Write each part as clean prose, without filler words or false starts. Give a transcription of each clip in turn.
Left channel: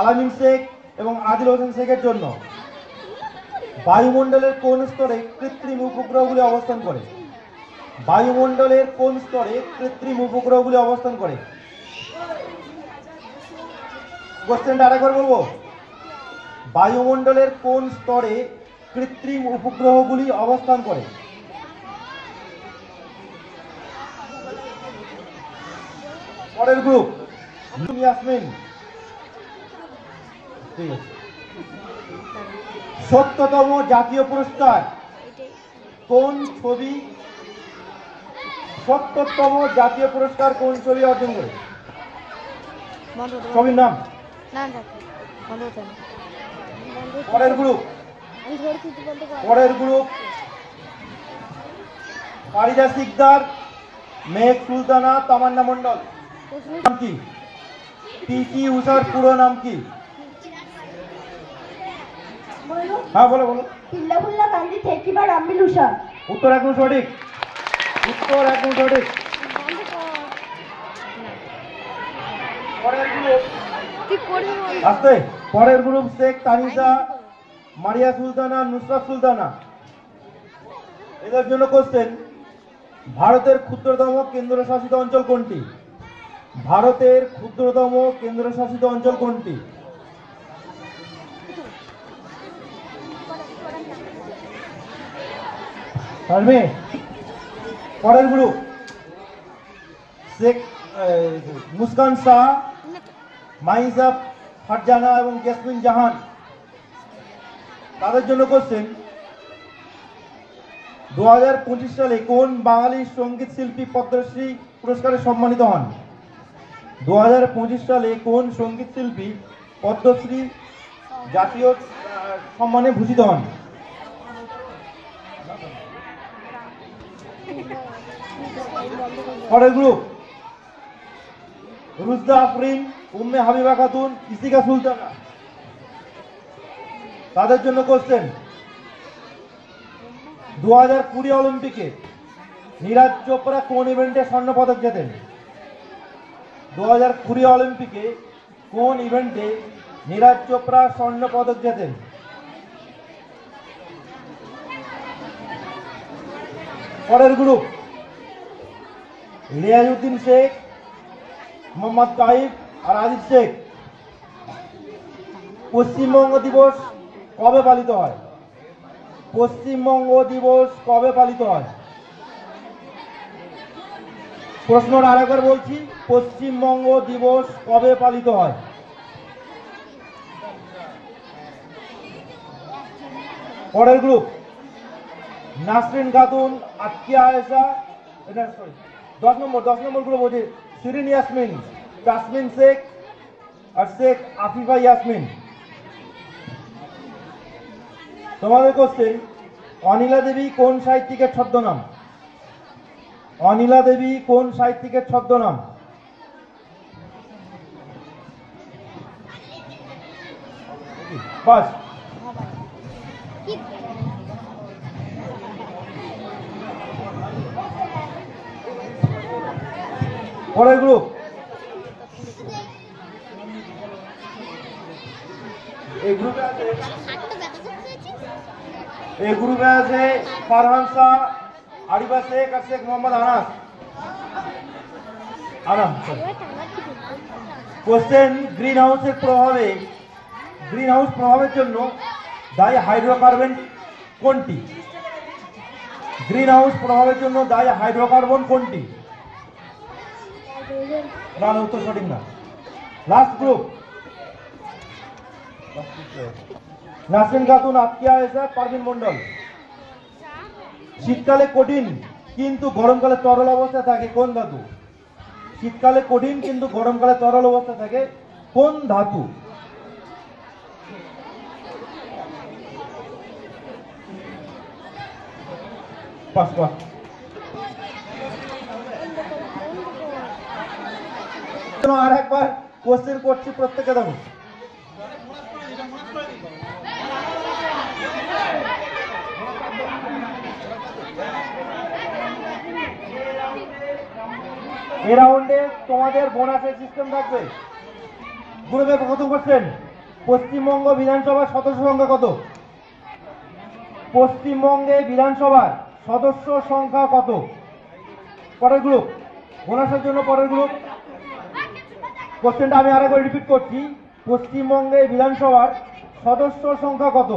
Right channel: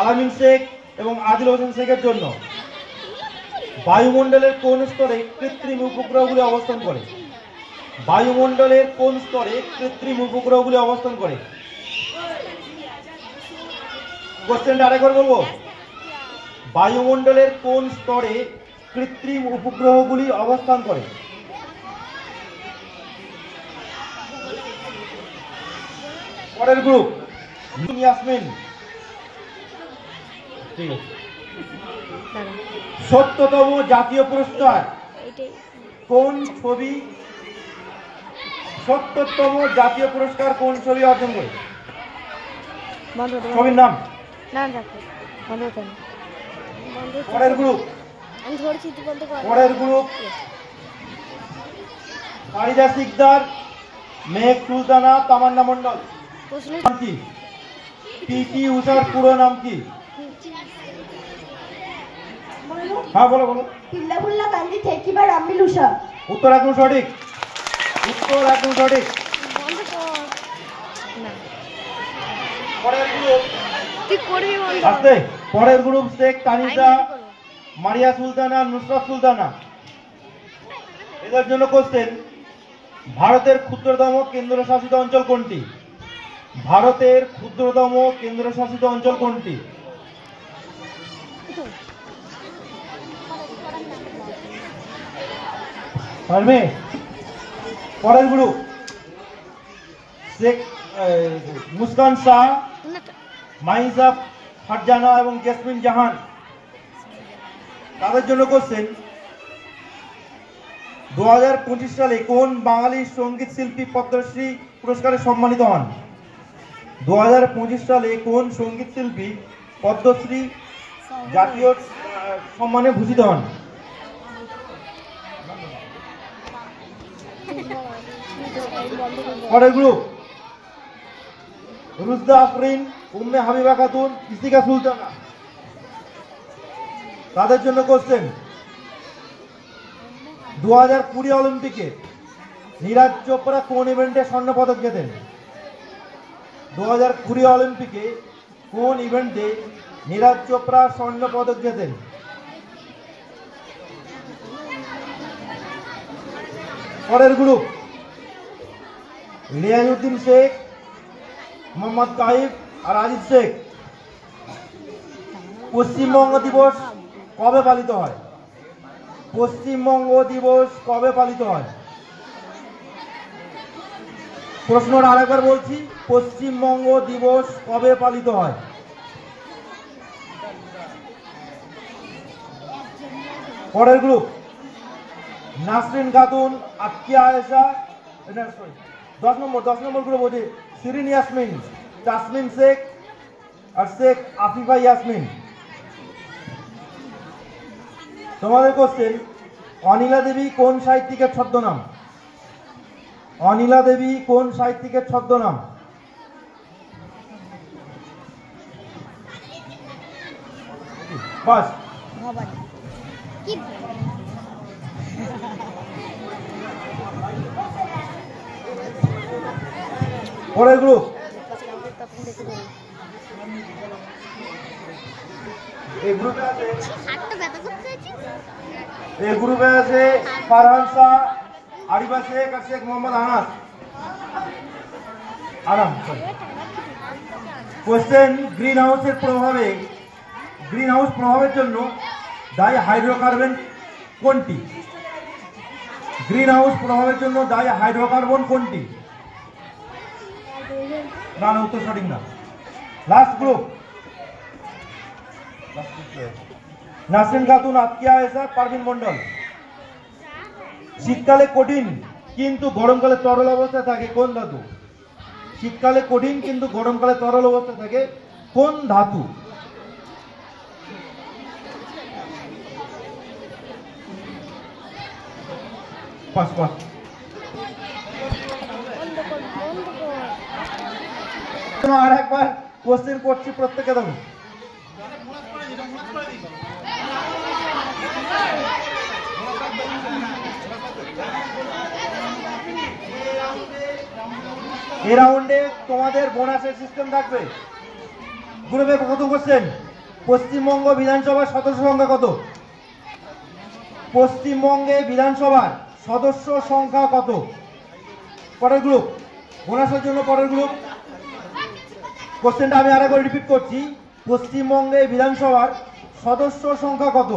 আলামিন শেখ এবং আদিল হোসেন শেখের জন্য বায়ুমণ্ডলের কোন স্তরে কৃত্রিম উপগ্রহগুলি অবস্থান করে? বায়ুমণ্ডলের কোন স্তরে কৃত্রিম উপগ্রহগুলি অবস্থান করে? কোশ্চেনটা আরেকবার বলবো, বায়ুমণ্ডলের কোন স্তরে কৃত্রিম উপগ্রহগুলি অবস্থান করে? পরের গ্রুপ ইয়াসমিন। ঠিক আছে। ৭০তম জাতীয় পুরস্কার কোন ছবি? ৭০তম জাতীয় পুরস্কার কোন ছবি অর্জন করে? ছবির নাম? পরের গ্রুপ ফারিদা সিকদার, মেঘ সুলতানা, তামান্না মন্ডল। নাম কি? পিটি উষার পুরো নাম কি? হ্যাঁ বলো বলো। পিল্লাফুল্লা গান্ধী থেকিবা রামবিল উষা। উত্তর একদম সঠিক, উত্তর একদম সঠিক। পরের গ্রুপ আসতে, পরের গ্রুপ শেখ তানিজা, মারিয়া সুলতানা, নুসরাত সুলতানা। এদের জন্য কোশ্চেন, ভারতের ক্ষুদ্রতম কেন্দ্রশাসিত অঞ্চল কোনটি? ভারতের ক্ষুদ্রতম কেন্দ্রশাসিত অঞ্চল কোনটি? পরের গ্রুপ শেখ মুস্কান শাহ, মাইজা ফারজানা এবং জেসমিন জাহান। তাদের জন্য কোশ্চেন, 2025 সালে কোন বাঙালি সঙ্গীত শিল্পী পদ্মশ্রী পুরস্কারে সম্মানিত হন? 2025 সালে কোন সঙ্গীত শিল্পী পদ্মশ্রী জাতীয় সম্মানে ভূষিত হন? পরের গ্রুপ রুজদা আফরিন, উম্মে হাবিবা খাতুন, ইসিকা সুলতানা। তাদের জন্য কোশ্চেন, 2020 অলিম্পিকে নীরাজ চোপড়া কোন ইভেন্টে স্বর্ণ পদক জেতেন? 2020 অলিম্পিকে কোন ইভেন্টে নীরাজ চোপড়া স্বর্ণ পদক জেতেন? পরের গ্রুপ লিয়াজউদ্দিন শেখ, মোহাম্মদ কাইফ আর আজিজ শেখ। পশ্চিমবঙ্গ দিবস কবে পালিত হয়? পশ্চিমবঙ্গ দিবস কবে পালিত হয়? প্রশ্নটা আরেকবার বলছি, পশ্চিমবঙ্গ দিবস কবে পালিত হয়? পরের গ্রুপ নাসরিন খাতুন, আতকিয়া আয়েশা, 10 নম্বর গ্রুপ হচ্ছে শিরিন ইয়াসমিন, তাসমিন শেখ আর শেখ আফিফা ইয়াসমিন। তোমাদের কোশ্চেন, অনিলা দেবী কোন সাহিত্যিকের ছদ্মনাম? অনিলা দেবী কোন সাহিত্যিকের ছদ্মনাম? বাস। পরের গ্রুপ এই গ্রুপে আছে ফারহান শাহ, আরিফা শেখ আর Sheikh Mohammad Anas. Question, greenhouse প্রভাবের জন্য দায়ী হাইড্রোকার্বন কোনটি? গ্রিন হাউস প্রভাবের জন্য দায়ী হাইড্রোকার্বন কোনটি? না, উত্তর সঠিক না। Last group Nasrin Khatun, Atkiya Ayesha, Parvin Mondal. শীতকালে কঠিন কিন্তু গরমকালে তরল অবস্থায় থাকে কোন ধাতু? শীতকালে কঠিন কিন্তু গরমকালে তরল অবস্থায় থাকে কোন ধাতু? আর একবার কোশ্চেন করছি প্রত্যেকে দেবো। এই রাউন্ডে তোমাদের বোনাসের সিস্টেম থাকবে। গ্রুপে কত কোশ্চেন? পশ্চিমবঙ্গ বিধানসভার সদস্য সংখ্যা কত? পশ্চিমবঙ্গে বিধানসভার সদস্য সংখ্যা কত? পরের গ্রুপ বোনাসের জন্য পরের গ্রুপ। কোশ্চেনটা আমি আরেকবার রিপিট করছি, পশ্চিমবঙ্গে বিধানসভার সদস্য সংখ্যা কত?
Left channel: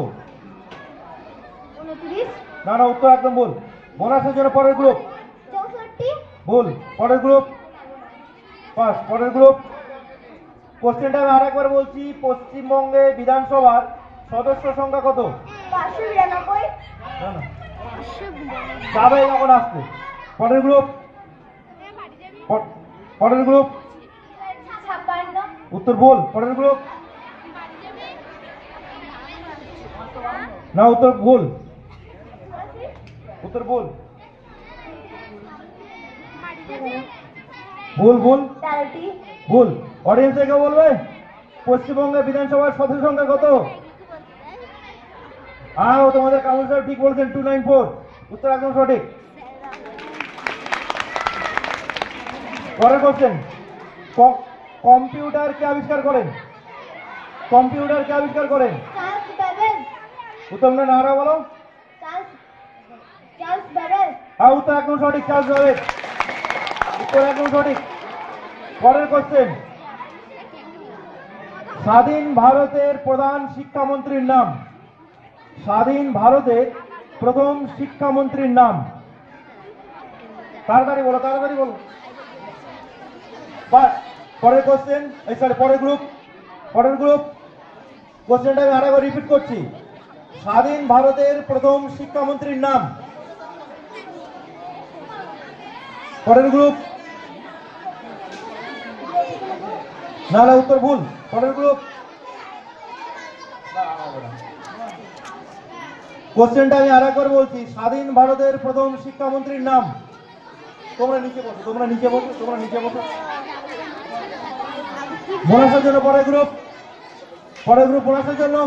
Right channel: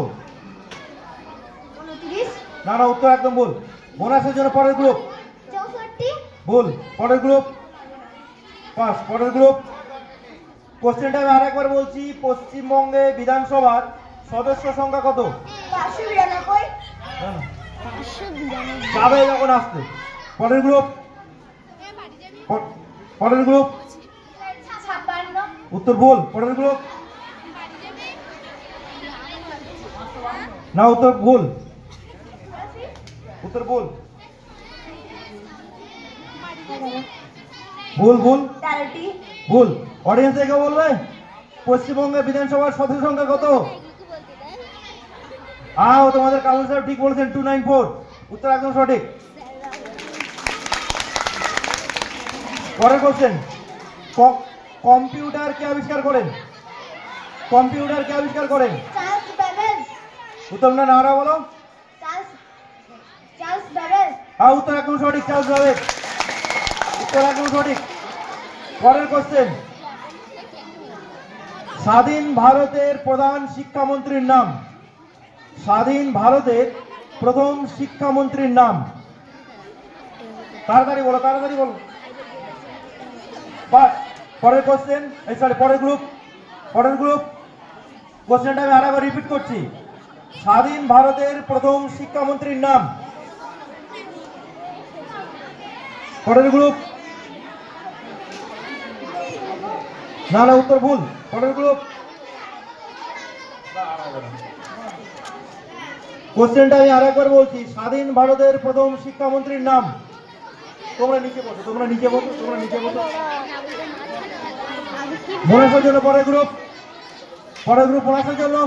29, না না, উত্তর একদম ভুল। বোনাসের জন্য পরের গ্রুপ 64, ভুল। পরের গ্রুপ পাস। পরের গ্রুপ। কোশ্চেনটা আমি আরেকবার বলছি, পশ্চিমবঙ্গে বিধানসভার সদস্য সংখ্যা কত? 592, না না, যাবে যখন আসতে। পরের গ্রুপ পরের গ্রুপ 56, উত্তর ভুল। পরের গ্রুপ না, উত্তর ভুল। উত্তর ভুল ভুল ভুল 13টি, ভুল। অডিয়েন্স থেকে বলবে পশ্চিমবঙ্গে বিধানসভার সদস্য সংখ্যা কত? তোমাদের কাউন্সিলর ঠিক বলছেন, 294। উত্তর একদম সঠিক। পরের কোশ্চেন, কম্পিউটার কে আবিষ্কার করেন? কম্পিউটার কে আবিষ্কার করেন? চার্লস ব্যাবেজ, উত্তর না নারা বলো। চার্লস ব্যাবেজ, উত্তর একদম সঠিক, চার্লস ব্যাবেজ। উত্তর একদম সঠিক। পরের কোশ্চেন, স্বাধীন ভারতের প্রধান শিক্ষামন্ত্রীর নাম? স্বাধীন ভারতের প্রথম শিক্ষামন্ত্রীর নাম? তাড়াতাড়ি বলো, তাড়াতাড়ি বলো। বাস। পরের কোশ্চেন, সরি পরের গ্রুপ। পরের গ্রুপ কোশ্চেনটা আমি আরেকবার রিপিট করছি, স্বাধীন ভারতের প্রথম শিক্ষামন্ত্রীর নাম? পরের গ্রুপ না না, উত্তর ভুল। পরের গ্রুপ। কোশ্চেনটা আমি আরেকবার বলছি, স্বাধীন ভারতের প্রথম শিক্ষামন্ত্রীর নাম? তোমরা নিচে বসো, তোমরা নিচে বসো, তোমরা নিচে বসো। বোনাসের জন্য পরের গ্রুপ। পরের গ্রুপ বোনাসের জন্য।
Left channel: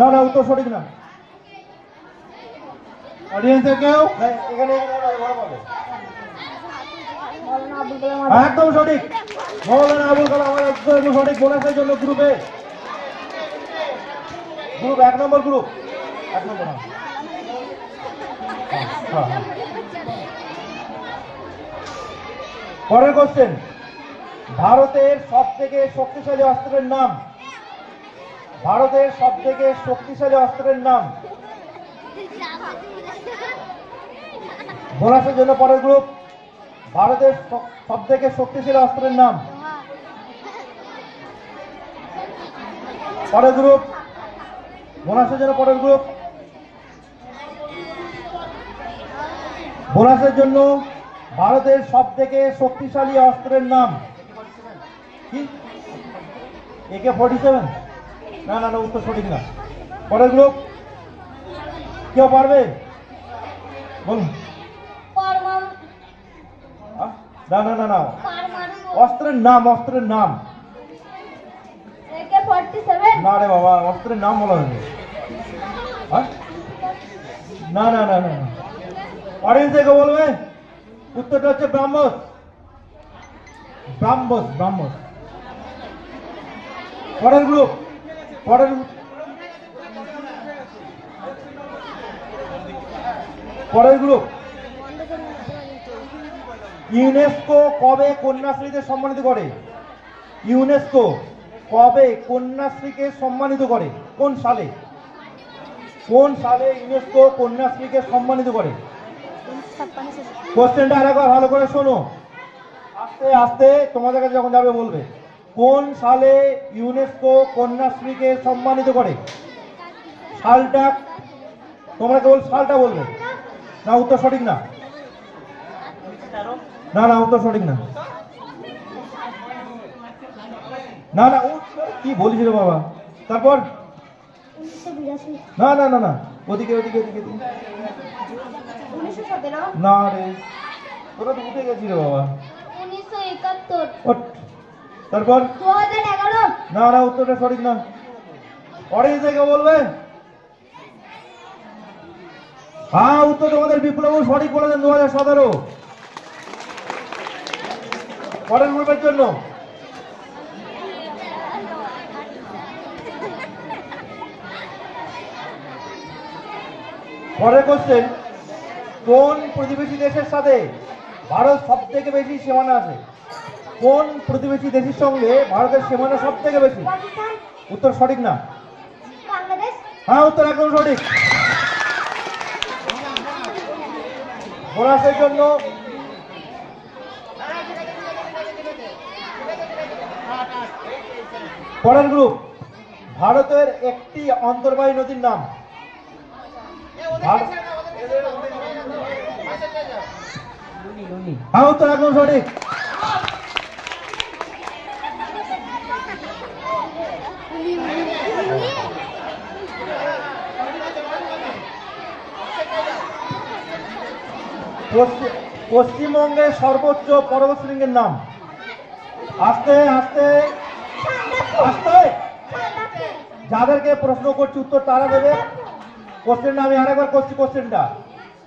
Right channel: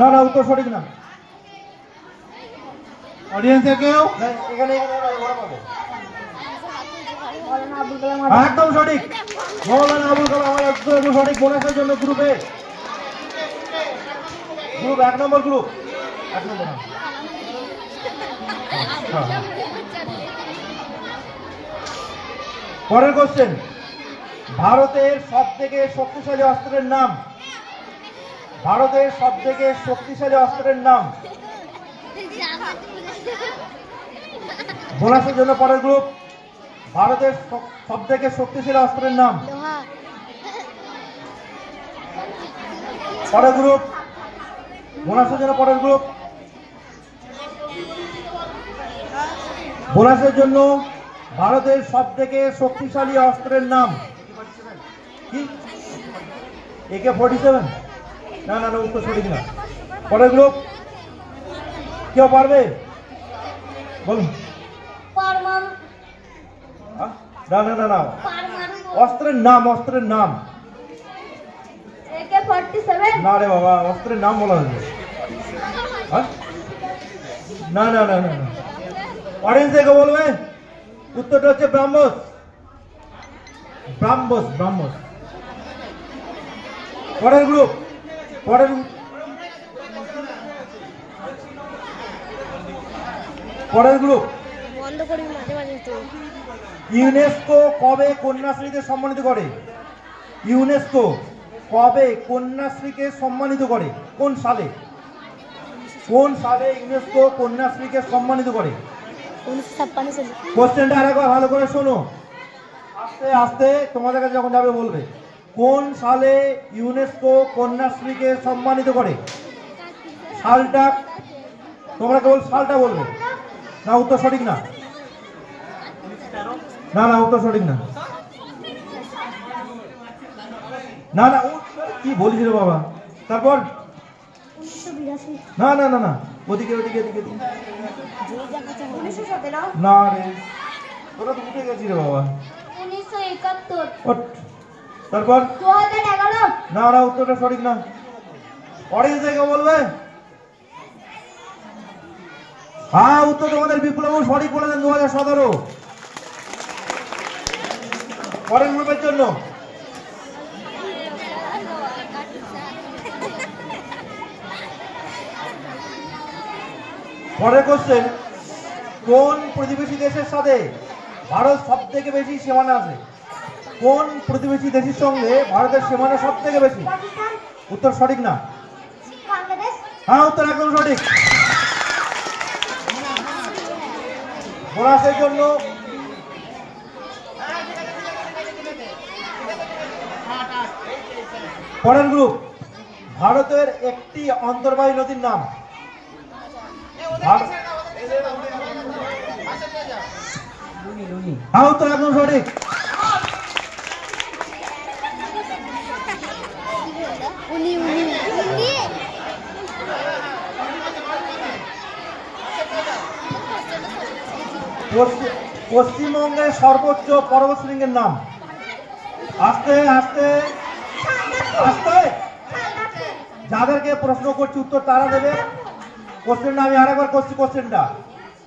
না না, উত্তর সঠিক না। অডিয়েন্সে কেউ? এখানে ওরা পাবে। মৌলানা আবুল কালাম একদম সঠিক, মৌলানা আবুল কালাম আমার একদম সঠিক। বোনাসের জন্য গ্রুপে গ্রুপ 1 নম্বর গ্রুপ 1 নম্বর। পরের কোশ্চেন, ভারতের সব থেকে শক্তিশালী অস্ত্রের নাম? ভারতের সব থেকে শক্তিশালী অস্ত্রের নাম? বোনাসের জন্য পরের গ্রুপ, ভারতের সব থেকে শক্তিশালী অস্ত্রের নাম? পরের গ্রুপ বোনাসের জন্য পরের গ্রুপ। বোনাসের জন্য ভারতের সব থেকে শক্তিশালী অস্ত্রের নাম কি? AK-47? না না না, উত্তর সঠিক না। পরের গ্রুপ কেউ পারবে? বলুন। পরমাণু না না না না, অস্ত্রের নাম, অস্ত্রের নাম। AK-47, না রে বাবা, অস্ত্রের নাম বলা হয়েছে। না না না না, অডিয়েন্স থেকে বলবে উত্তরটা হচ্ছে ব্রাহ্মস। ব্রাহ্মস, ব্রাহ্মস। পরের গ্রুপ পরের পরের গ্রুপ ইউনেস্কো কবে কন্যাশ্রীকে সম্মানিত করে? ইউনেস্কো কবে কন্যাশ্রীকে সম্মানিত করে? কোন সালে? কোন সালে ইউনেস্কো কন্যাশ্রীকে সম্মানিত করে? কোশ্চেনটা আরেকবার ভালো করে শোনো, আস্তে আস্তে তোমাদের কাছে যখন যাবে বলবে। কোন সালে ইউনেস্কো কন্যাশ্রীকে সম্মানিত করে? সালটা তোমরা কেবল সালটা বলবে। না, উত্তর সঠিক না। না না, উত্তর সঠিক না। না না, কি বলিস রে বাবা। তারপর 1982, না না না না, ওদিকে ওদিকে ওদিকে। 1917, না রে, তোরা তো উঠে গেছি রে বাবা। 1971, ওঠ। তারপর 2011, না না, উত্তরটা সঠিক না। অডিয়েন্স থেকে বলবে। উত্তর তোমাদের বিপ্লব সঠিক বলেছেন, 2017। পরের গ্রুপের জন্য পরের কোশ্চেন, কোন প্রতিবেশী দেশের সাথে ভারত সব থেকে বেশি সীমানা আছে? কোন প্রতিবেশী দেশের সঙ্গে ভারতের সীমানা সব থেকে বেশি? পাকিস্তান, উত্তর সঠিক না। বাংলাদেশ, হ্যাঁ, উত্তর একদম সঠিক। বোনাসের জন্য পরের গ্রুপ, ভারতের একটি অন্তর্বাহী নদীর নাম। হ্যাঁ, উত্তর একদম সঠিক। পশ্চিমবঙ্গের সর্বোচ্চ পর্বতশৃঙ্গের নাম। আস্তে আস্তে আস্তে, যাদেরকে প্রশ্ন করছি উত্তর তারা দেবে। কোশ্চেনটা আমি আরেকবার করছি। কোশ্চেনটা,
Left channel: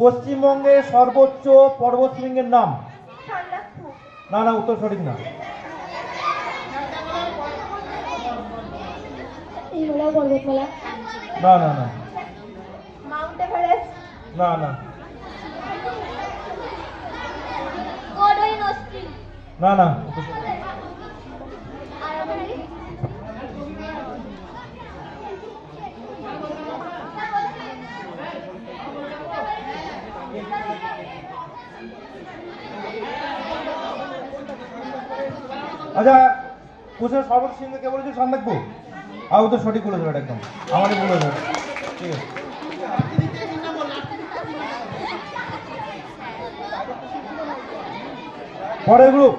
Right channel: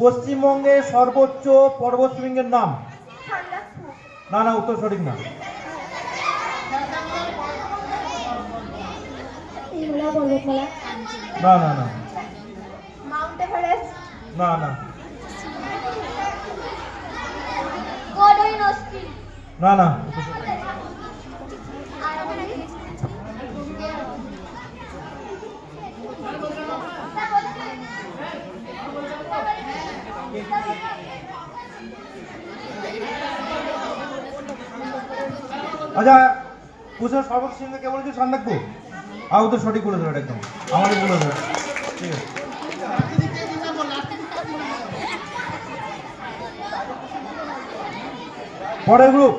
পশ্চিমবঙ্গের সর্বোচ্চ পর্বতশৃঙ্গের নাম। না না, উত্তর সঠিক না। হিমালয় পর্বতমালা, না না না মাউন্ট এভারেস্ট, না না কোডাই নস্কি, না না, উত্তর সঠিক না। আচ্ছা, কোশ্চেন সর্বোচ্চ সিংহে কে বলেছিল সান রাখবো? আর উত্তর সঠিক বলে দেবে একদম, আমারই বলে দেবে। ঠিক আছে, পরের গ্রুপ,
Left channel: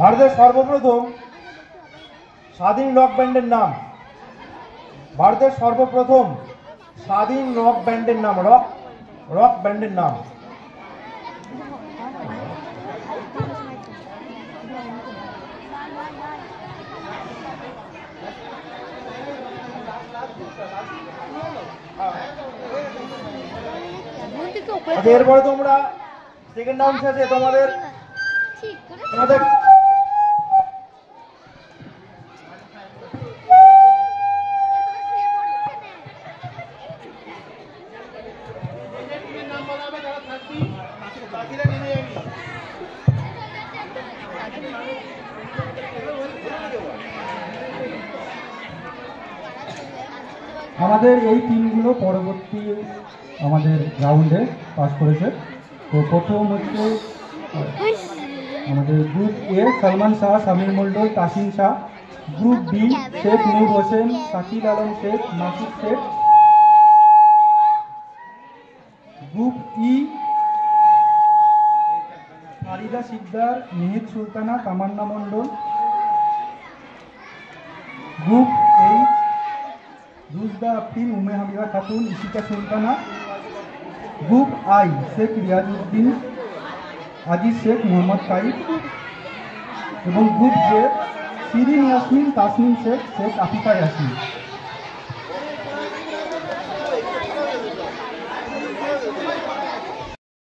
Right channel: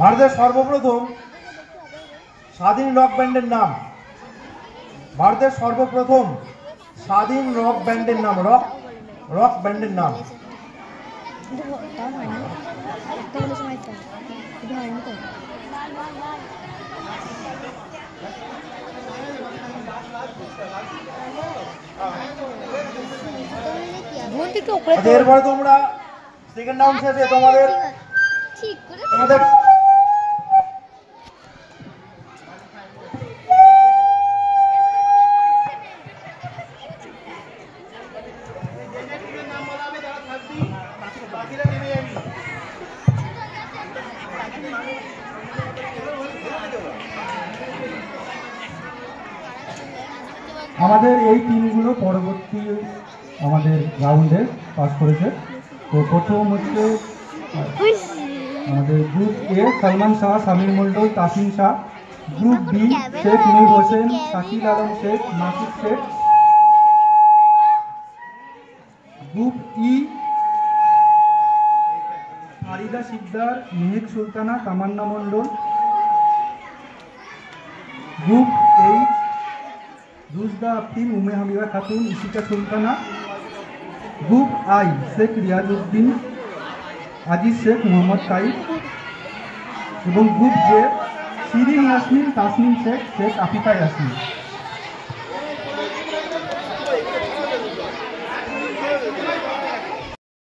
ভারতের সর্বপ্রথম স্বাধীন রক ব্যান্ডের নাম। ভারতের সর্বপ্রথম স্বাধীন রক ব্যান্ডের নাম, রক ব্যান্ডের নাম। আচ্ছা, এরপরে তোমরা সেকেন্ড রাউন্ড শেষে তোমাদের আমাদের এই টিমগুলো পরবর্তী আমাদের রাউন্ডে পাস করেছে। তো প্রথম হচ্ছে আমাদের group A, Salman Shah, Samir Mondal, Tasim Shah. Group B, Sheikh Noor Hossain, Shakil Alam Sheikh, Nasir Sheikh. Group E, Farida Sikdar, Mehek Sultana, Tamanna Mondal. Group H, Rujda Afrin, Umme Habiba Khatun, Ishika Sultana. Group I, Sheikh Riazuddin, Aziz Sheikh, Mohammad Saeed. এবং গ্রুপ জে, শিরিন ইয়াসমিন, তাসনিম শেখ, শেখ আফিফা ইয়াসমিন।